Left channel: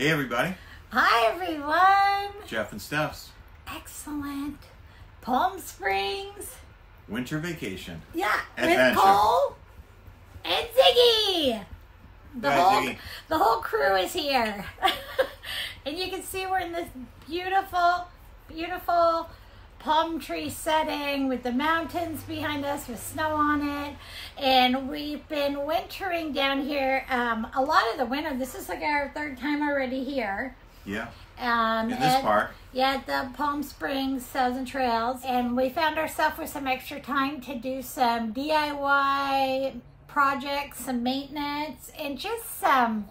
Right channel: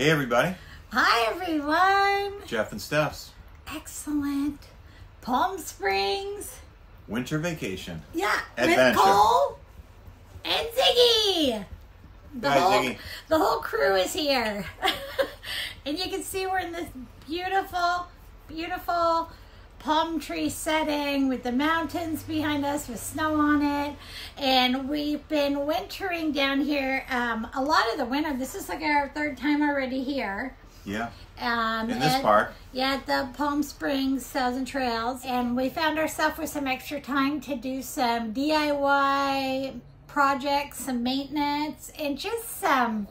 Hey everybody. Hi everyone. Jeff and Steph's Excellent. Palm Springs. winter vacation. Yeah. Adventure. With Cole and Ziggy. Ziggy. The whole crew is here. And you can see we're in this beautiful, beautiful palm tree setting with the mountains behind us with snow on it. And we've been wintering down here a lot of the winter. This is like our third time already here. Yeah. In this park. Yeah, at the Palm Springs Thousand Trails. And we found ourselves with some extra time to do some DIY projects, some maintenance, and just some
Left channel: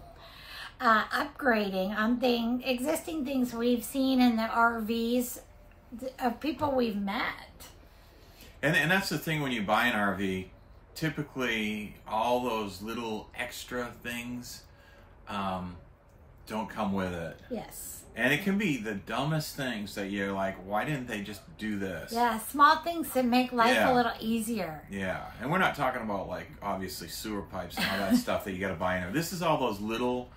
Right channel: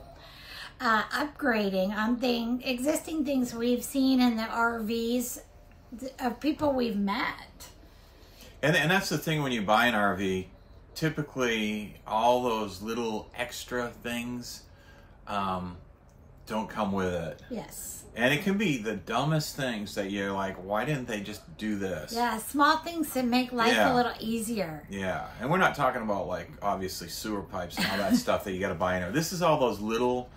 upgrading on existing things we've seen in the RVs of people we've met. And that's the thing when you buy an RV, typically all those little extra things don't come with it. Yes. And it can be the dumbest things that you're like, why didn't they just do this? Yeah, small things that make life a little easier. Yeah, and we're not talking about like obviously sewer pipes and all that stuff that you got to buy in there. This is all those little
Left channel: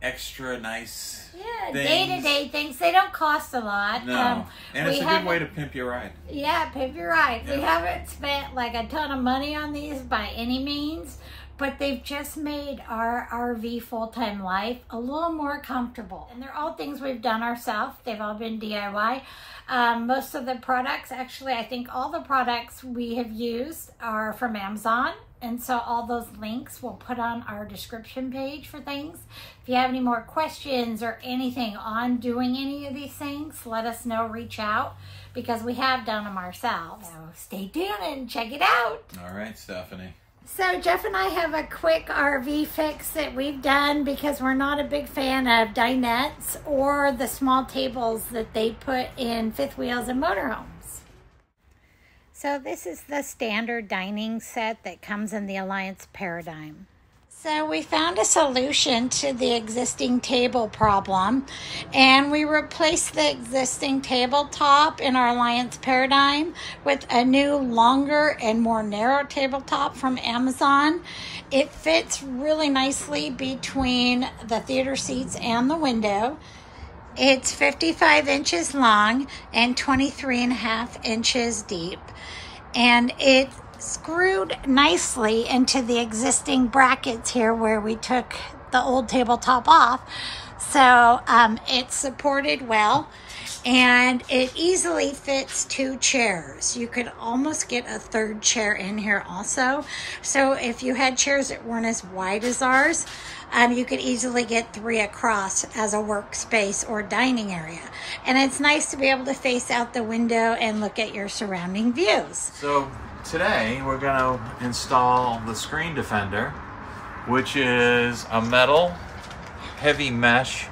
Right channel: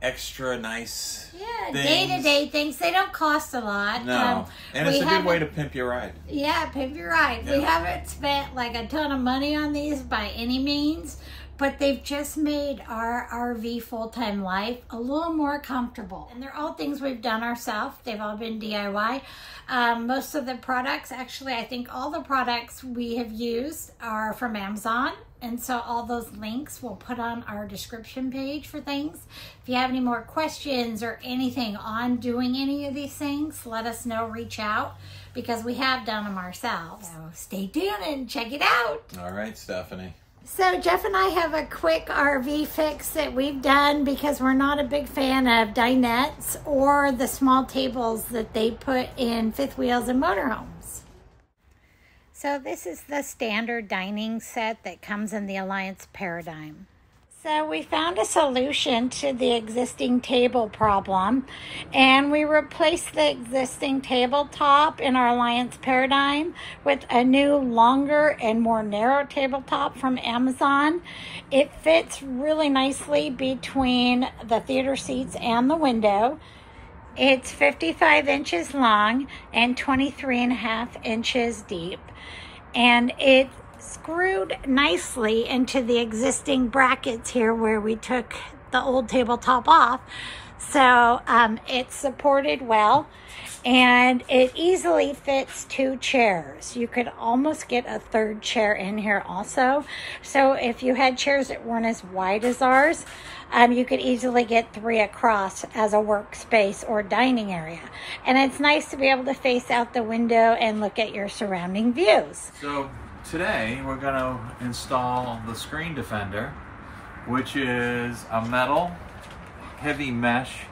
extra nice day-to-day things. They don't cost a lot. No, and it's a good way to pimp your ride. Yeah, pimp your ride. Yeah. We haven't spent like a ton of money on these by any means, but they've just made our RV full-time life a little more comfortable. And they're all things we've done ourselves. They've all been DIY. Most of the products, actually, I think all the products we have used are from Amazon. And so all those links we'll put on our description page for things. If you have any more questions or anything on doing any of these things, let us know, reach out, because we have done them ourselves. So stay tuned and check it out. All right, Stephanie. So Jeff and I have a quick RV fix that we've done because we're not a big fan of dinettes or the small tables that they put in fifth wheels and motorhomes. So this is the standard dining set that comes in the Alliance Paradigm. So we found a solution to the existing table problem, and we replaced the existing tabletop in our Alliance Paradigm with a new longer and more narrow tabletop from Amazon. It fits really nicely between the theater seats and the window. It's 55 inches long and 23.5 inches deep, and it's screwed nicely into the existing brackets here where we took the old tabletop off. So it's supported well, and it easily fits 2 chairs. You could almost get a third chair in here also. So if you had chairs that weren't as wide as ours, you could easily get 3 across as a workspace or dining area. And it's nice to be able to face out the window and look at your surrounding views. So today we're going to install the screen defender, which is a metal heavy mesh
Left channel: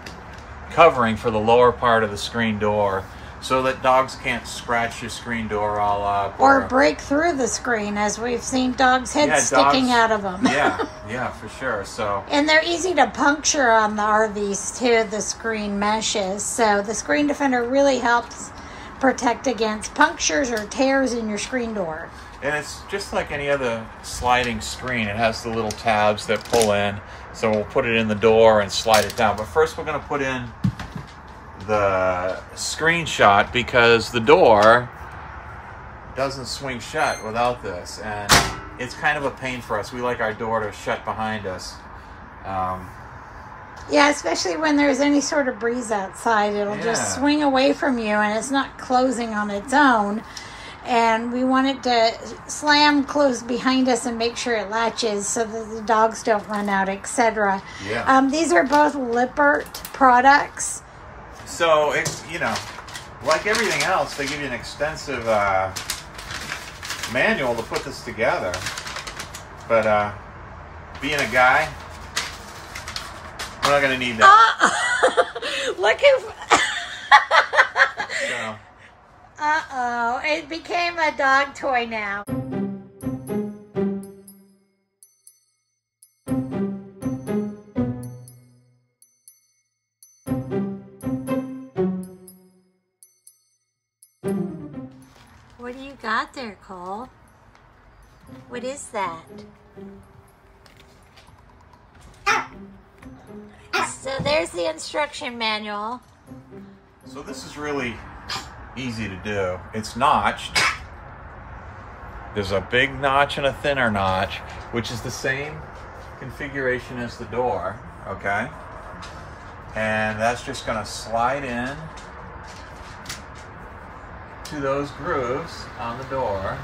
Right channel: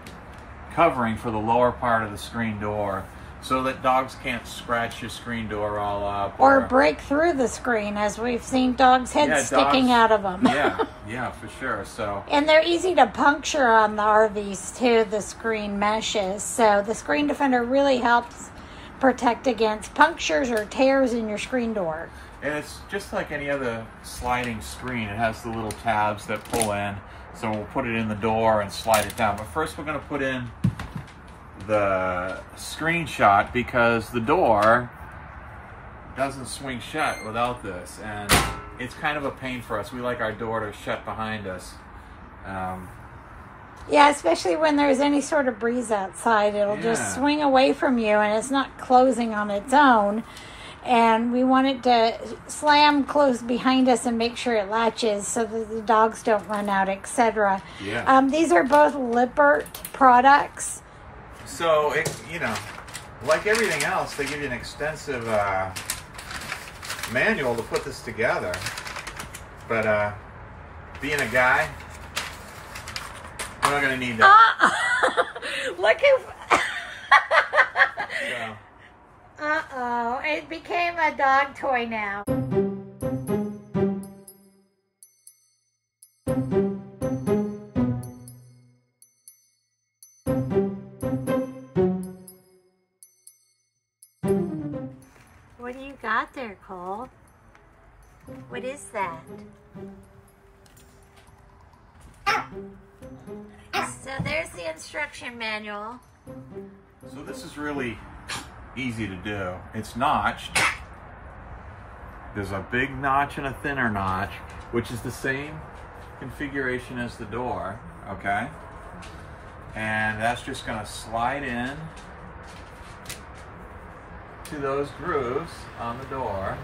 covering for the lower part of the screen door so that dogs can't scratch your screen door all up. Or break through the screen, as we've seen dogs' heads sticking out of them. Yeah, for sure. So, and they're easy to puncture on the RVs too, the screen meshes. So the screen defender really helps protect against punctures or tears in your screen door. And it's just like any other sliding screen. It has the little tabs that pull in. So we'll put it in the door and slide it down. But first we're going to put in the screenshot because the door doesn't swing shut without this. And it's kind of a pain for us. We like our door to shut behind us. Yeah, especially when there's any sort of breeze outside. It'll just swing away from you and it's not closing on its own. And we want it to slam close behind us and make sure it latches so that the dogs don't run out, etc. Yeah. These are both Lippert products. So, like everything else, they give you an extensive manual to put this together. But being a guy, we're not going to need that. Look who... So. Uh-oh, it became a dog toy now. What do you got there, Cole? What is that? So there's the instruction manual. So this is really easy to do. It's notched. There's a big notch and a thinner notch, which is the same configuration as the door, okay? And that's just gonna slide in to those grooves on the door,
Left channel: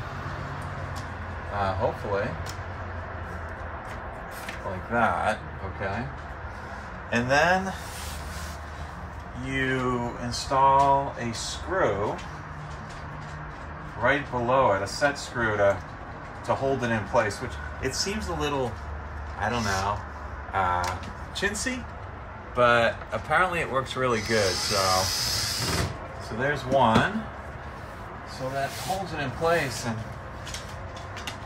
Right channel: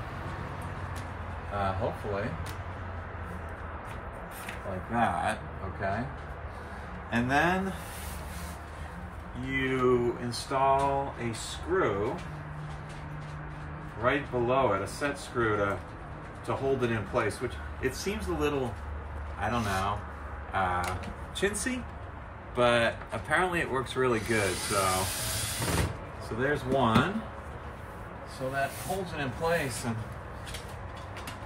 hopefully, like that, okay? And then you install a screw right below it, a set screw to hold it in place, which it seems a little, I don't know, chintzy, but apparently it works really good. So there's one. So that holds it in place, and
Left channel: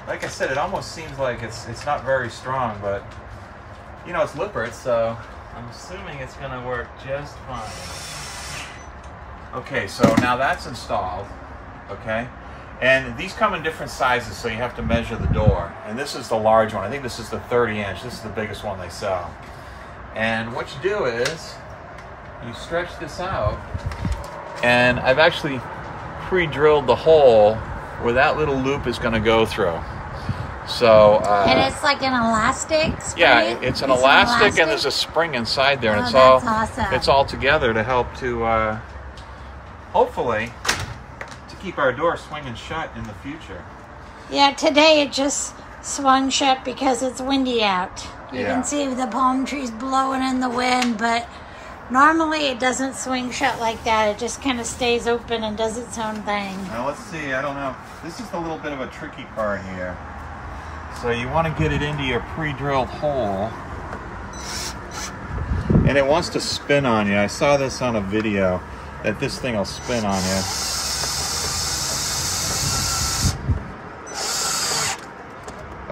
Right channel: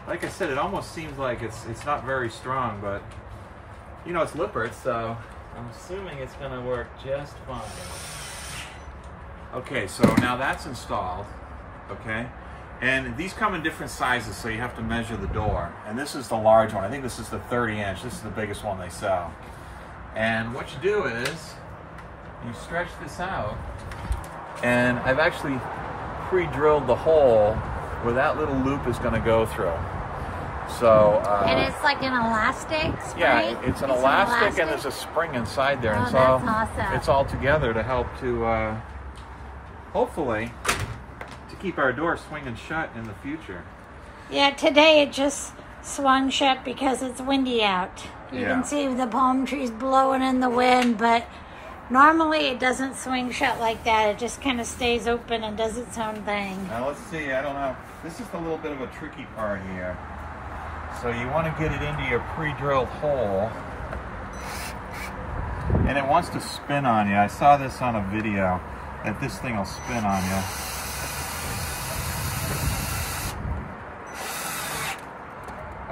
like I said, it almost seems like it's not very strong, but you know, it's Lippert, so I'm assuming it's gonna work just fine. Okay, so now that's installed, okay? And these come in different sizes, so you have to measure the door. And this is the large one. I think this is the 30-inch. This is the biggest one they sell. And what you do is you stretch this out, and I've actually pre-drilled the hole where that little loop is going to go through. So and it's like an elastic spring? Yeah, it's an elastic, and there's a spring inside there, and it's that's all awesome. It's all together to help to hopefully to keep our door swinging shut in the future. Yeah, today it just swung shut because it's windy out. You can see the palm trees blowing in the wind, but normally it doesn't swing shut like that. It just kind of stays open and does its own thing. Now let's see, I don't know. This is the little bit of a tricky part here. So you want to get it into your pre-drilled hole, and it wants to spin on you. I saw this on a video, that this thing will spin on you.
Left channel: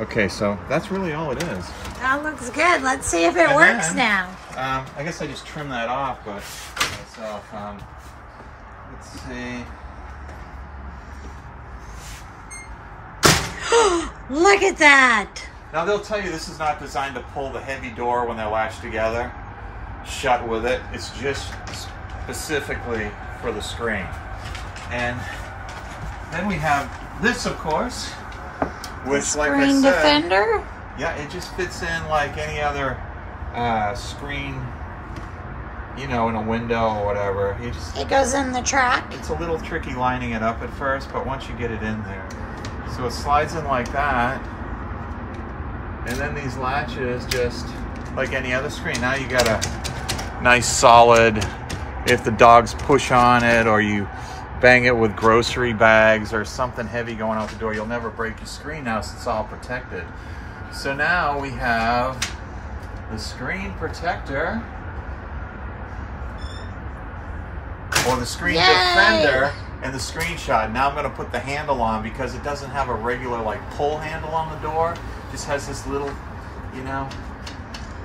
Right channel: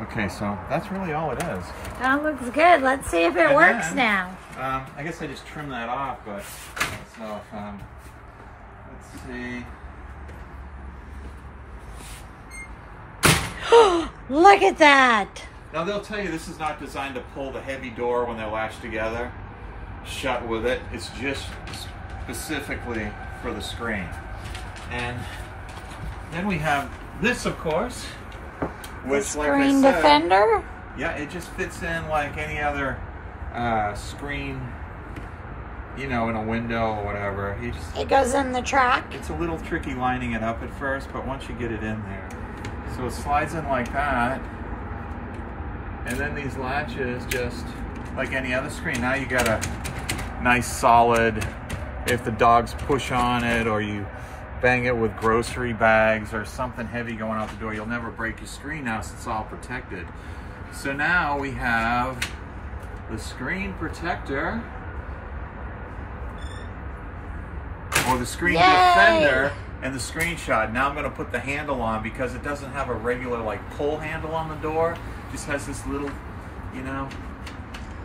Okay, so that's really all it is. That looks good. Let's see if it works now. I guess I just trimmed that off, but so let's see. Look at that. Now they'll tell you this is not designed to pull the heavy door when they're latched together shut with it. It's just specifically for the screen. And then we have this, of course, which, the like screen I said, defender. yeah, it just fits in like any other screen, you know, in a window or whatever. It goes in the track. It's a little tricky lining it up at first, but once you get it in there, so it slides in like that, and then these latches just like any other screen. Now you got a nice solid, if the dogs push on it or you bang it with grocery bags or something heavy going out the door, you'll never break your screen now since it's all protected. So now we have the screen protector, or the screen defender, and the screenshot. Now I'm going to put the handle on because it doesn't have a regular like pull handle on the door. It just has this little, you know,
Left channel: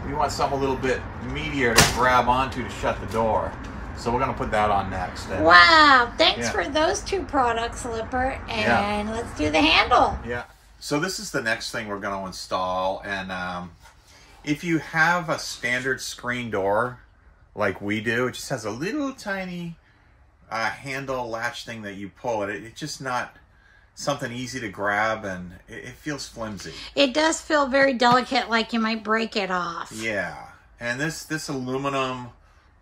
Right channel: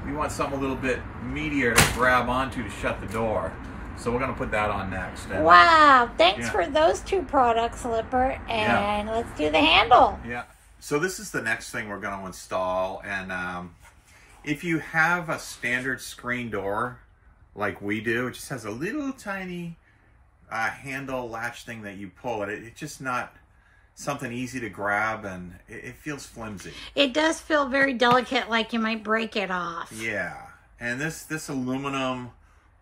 you want something a little bit meatier to grab onto to shut the door. So we're going to put that on next. And wow, thanks for those two products, Lippert. And let's do the handle. Yeah. So this is the next thing we're going to install. And if you have a standard screen door like we do, it just has a little tiny handle latch thing that you pull. It's just not something easy to grab, and it feels flimsy. It does feel very delicate, like you might break it off. Yeah. And this aluminum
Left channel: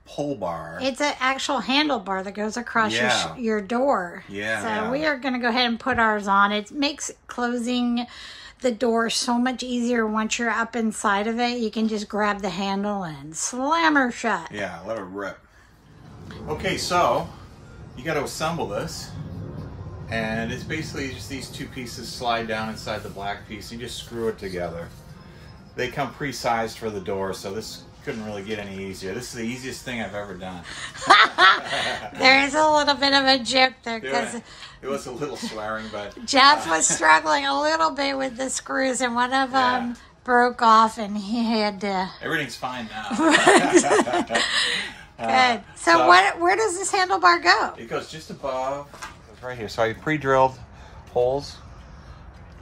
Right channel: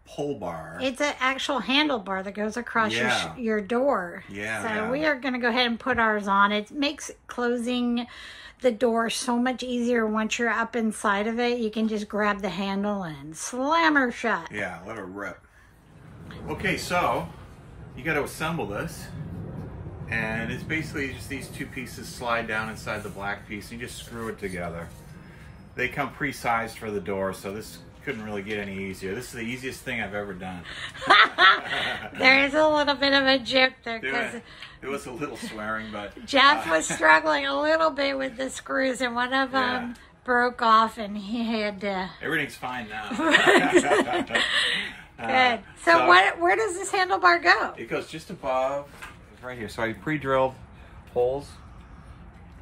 pull bar. It's an actual handlebar that goes across your door. Yeah. So we are going to go ahead and put ours on. It makes closing the door so much easier once you're up inside of it. You can just grab the handle and slam her shut. Yeah, let it rip. Okay, so you got to assemble this. And it's basically just these two pieces slide down inside the black piece. You just screw it together. They come pre-sized for the door, so this couldn't really get any easier. This is the easiest thing I've ever done. There is a little bit of a joke there because it was a little swearing, but Jeff was struggling a little bit with the screws, and one of them broke off, and he had to. Everything's fine now. Good. So where does this handlebar go? It goes just above, right here. So I pre-drilled holes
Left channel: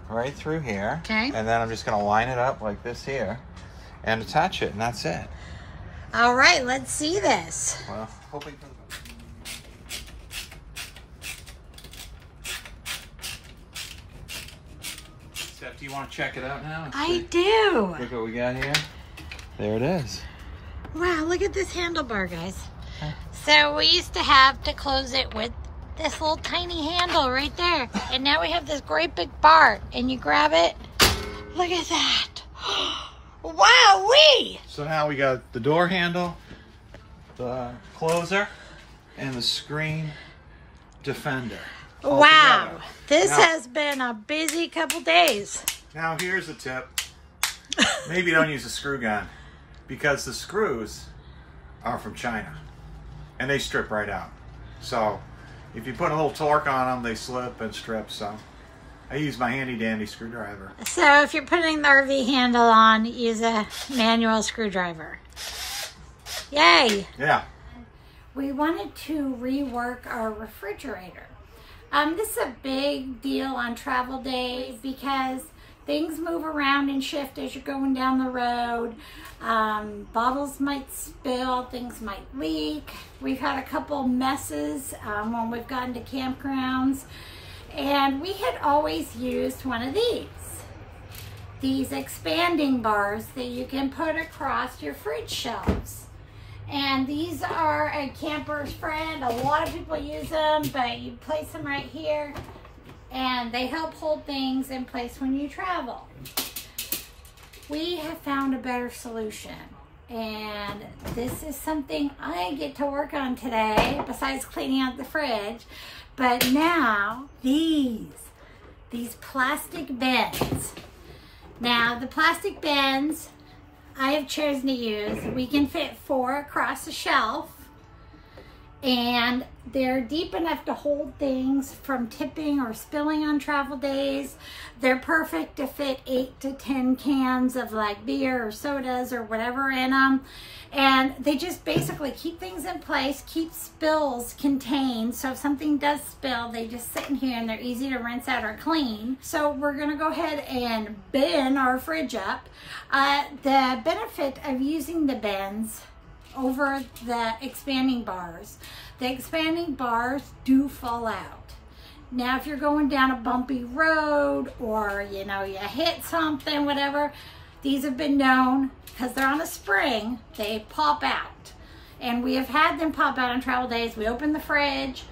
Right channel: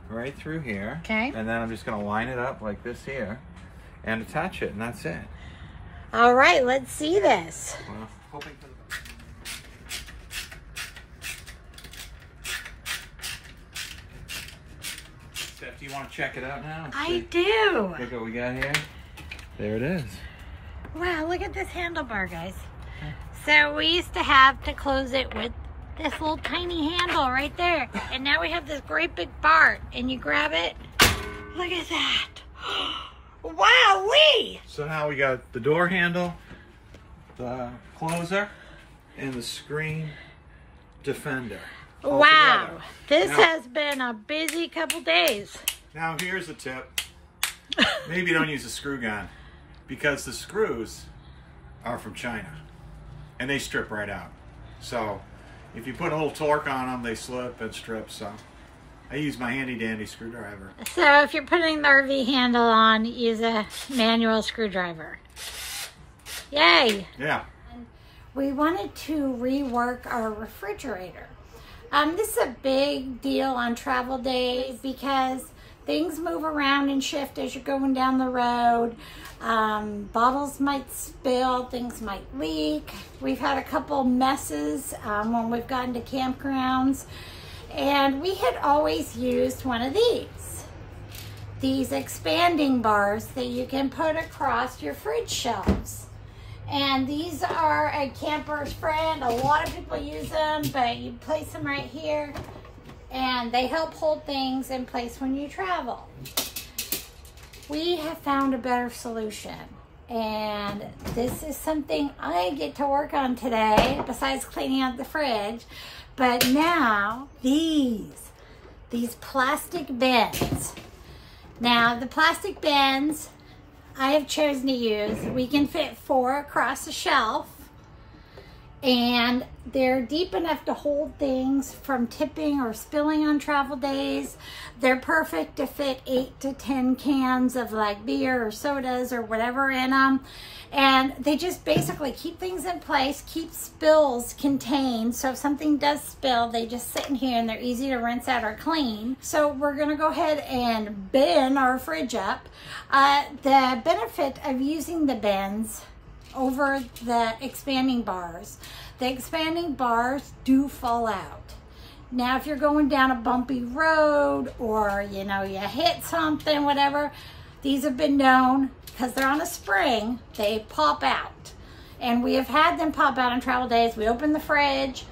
right through here. Okay. And then I'm just going to line it up like this here and attach it, and that's it. All right, let's see this. Well, hoping for the Steph, do you want to check it out now? I do. Look what we got here. There it is. Wow, look at this handlebar, guys. So we used to have to close it with this little tiny handle right there. And now we have this great big bar, and you grab it. Look at that. Wow-wee! So now we got the door handle, the closer, and the screen defender. Wow, this Now- has been a busy couple days. Now here's a tip. Maybe don't use a screw gun because the screws are from China and they strip right out. So if you put a little torque on them, they slip and strip. So I use my handy dandy screwdriver. So if you're putting the RV handle on, use a manual screwdriver. Yay! Yeah. We wanted to rework our refrigerator. This is a big deal on travel days because things move around and shift as you're going down the road. Bottles might spill, things might leak. We've had a couple messes when we've gotten to campgrounds. And we had always used one of these expanding bars that you can put across your fridge shelves. And these are a camper's friend. A lot of people use them, but you place them right here and they help hold things in place when you travel. We have found a better solution, and this is something I get to work on today besides cleaning out the fridge. But now these plastic bins. Now the plastic bins I have chosen to use, we can fit 4 across the shelf, and they're deep enough to hold things from tipping or spilling on travel days. They're perfect to fit 8 to 10 cans of like beer or sodas or whatever in them. And they just basically keep things in place, keep spills contained. So if something does spill, they just sit in here and they're easy to rinse out or clean. So we're gonna go ahead and bin our fridge up. The benefit of using the bins over the expanding bars do fall out. Now, if you're going down a bumpy road or, you know, you hit something, whatever, these have been known, because they're on a spring, they pop out. And we have had them pop out on travel days. We open the fridge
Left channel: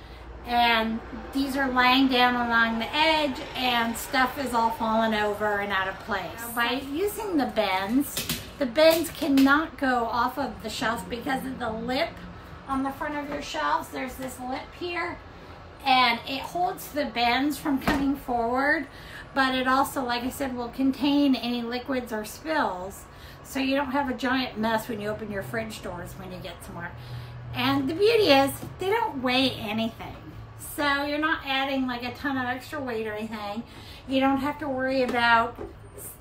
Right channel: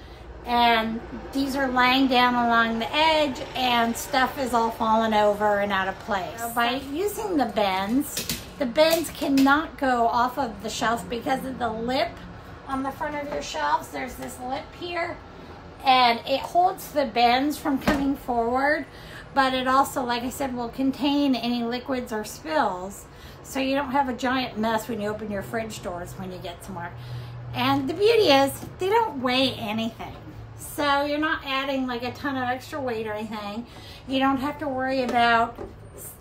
and these are laying down along the edge and stuff is all falling over and out of place. So by using the bins cannot go off of the shelves because of the lip on the front of your shelves. There's this lip here and it holds the bins from coming forward, but it also, like I said, will contain any liquids or spills. So you don't have a giant mess when you open your fridge doors when you get somewhere. And the beauty is they don't weigh anything. So you're not adding like a ton of extra weight or anything. You don't have to worry about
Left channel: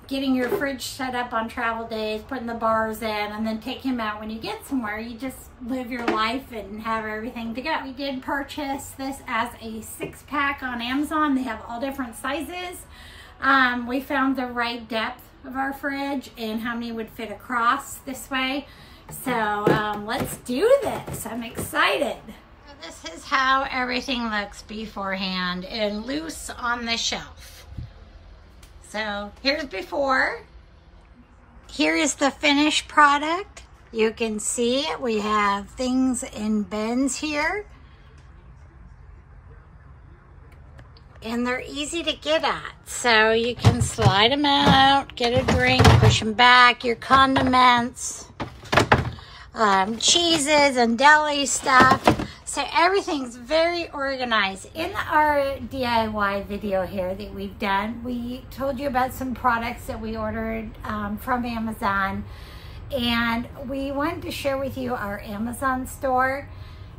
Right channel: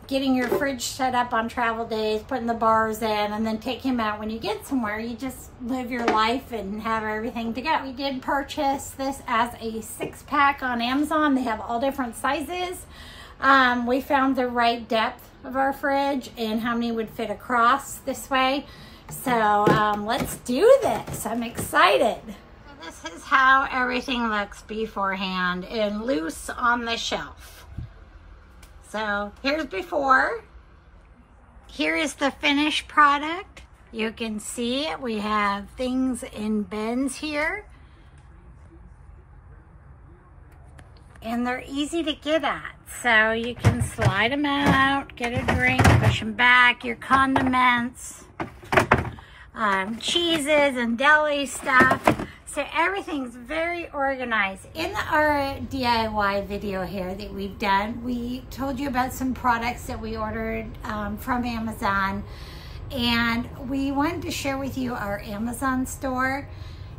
getting your fridge set up on travel days, putting the bars in, and then take him out when you get somewhere. You just live your life and have everything to go. We did purchase this as a 6-pack on Amazon. They have all different sizes. We found the right depth of our fridge and how many would fit across this way. So let's do this. I'm excited. This is how everything looks beforehand and loose on the shelf. So here's before. Here is the finished product. You can see we have things in bins here. And they're easy to get at. So you can slide them out, get a drink, push them back, your condiments, cheeses and deli stuff. So everything's very organized. In our DIY video here that we've done, we told you about some products that we ordered from Amazon. And we wanted to share with you our Amazon store.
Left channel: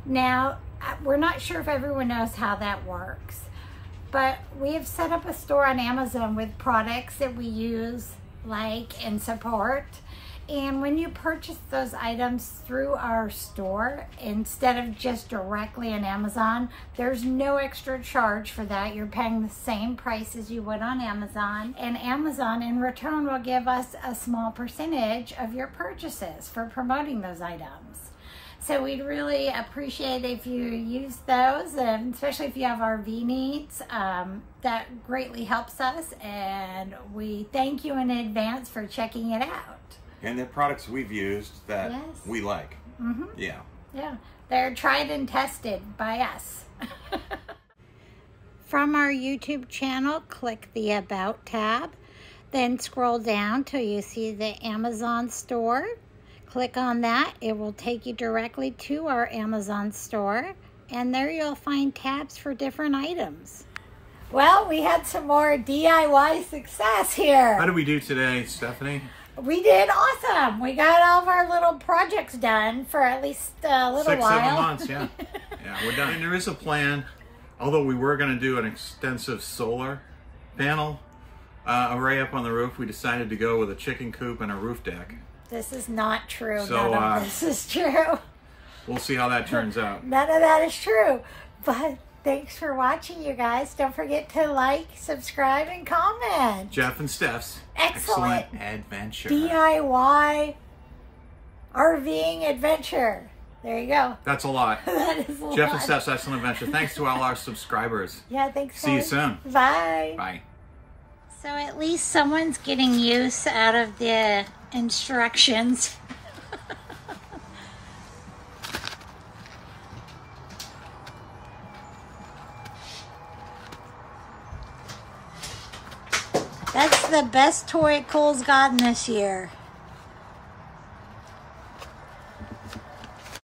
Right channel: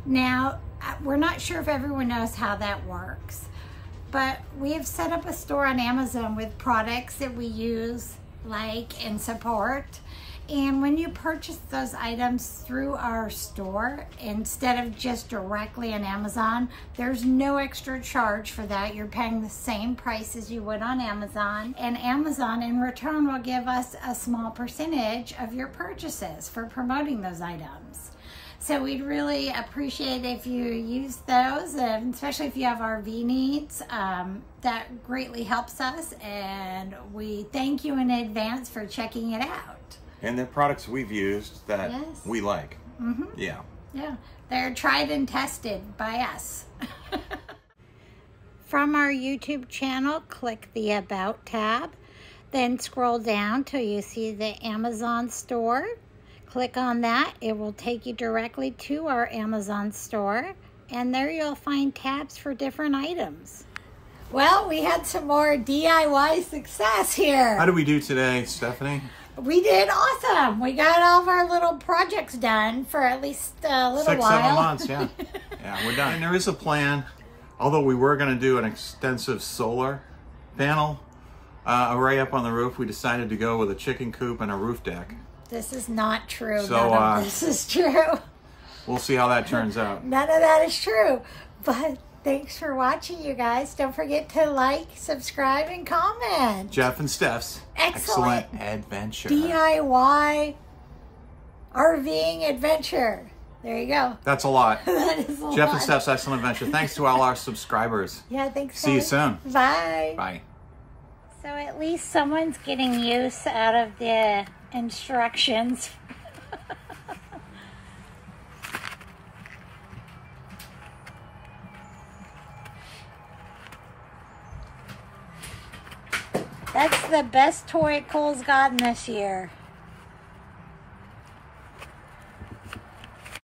Now, we're not sure if everyone knows how that works, but we have set up a store on Amazon with products that we use, like, and support. And when you purchase those items through our store, instead of just directly on Amazon, there's no extra charge for that. You're paying the same price as you would on Amazon. And Amazon in return will give us a small percentage of your purchases for promoting those items. So we'd really appreciate if you use those, especially if you have RV needs. That greatly helps us, and we thank you in advance for checking it out. And the products we've used that Yes. we like. Mm-hmm. Yeah. Yeah, they're tried and tested by us. From our YouTube channel, click the About tab, then scroll down till you see the Amazon store. Click on that. It will take you directly to our Amazon store, and there you'll find tabs for different items. Well, we had some more DIY success here. How did we do today, Stephanie? We did awesome. We got all of our little projects done for at least a little while. 6-7 months, yeah. Yeah, we're done. And there is a plan, although we were going to do an extensive solar panel array up on the roof, we decided to go with a chicken coop and a roof deck. This is not true. So, none of this is true. We'll see how that turns out. None of that is true. But thanks for watching, you guys. Don't forget to like, subscribe, and comment. Jeff and Steph's Excellent Adventure. DIY RVing adventure. There you go. That's a lot. That is a lot. Jeff and Steph's Excellent Adventure. Thanks to all our subscribers. Yeah, thanks. See you guys. soon. Bye. Bye. So at least someone's getting use out of the instructions. That's the best toy Cole's gotten this year.